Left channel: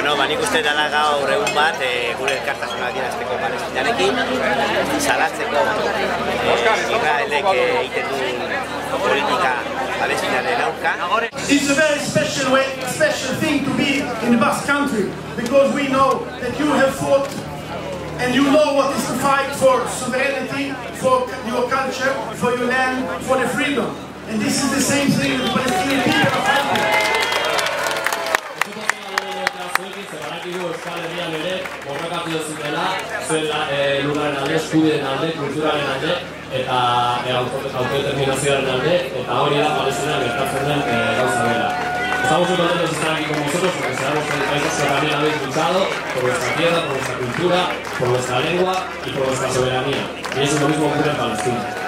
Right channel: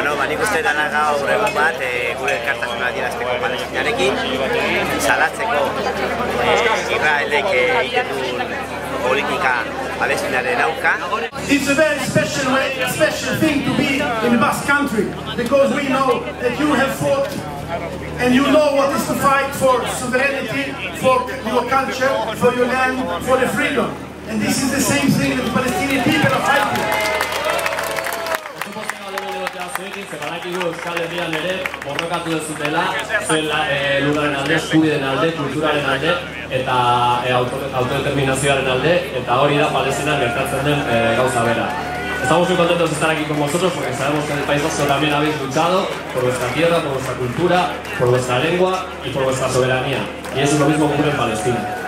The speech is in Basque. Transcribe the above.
Bueno, nik uste dela gaur egun bat gure elkartasuna adierazteko Palestinarekin, salatzeko Israelek egiten duen politika Palestinaren aurka. It's a very special thing to be in the Basque Country, because we know that you have fought and you know what is to fight for sovereignty, for your culture, for your land, for the freedom. And this is the same thing that the Palestinian people are fighting. Badakigu Euskal Herrian ere borrokatu dezutela, zuen lurraren alde, eskubideen alde, kulturaren alde eta autodeterminazioaren alde, eta hori da Palestinan gertatzen den gauza bera. Estamos muy contentos de estar aquí con vosotros porque sabemos que en el País Vasco también habéis luchado por vuestra tierra, por vuestra cultura, por vuestra lengua y por vuestra soberanía. Y eso es lo mismo que ocurre en Palestina.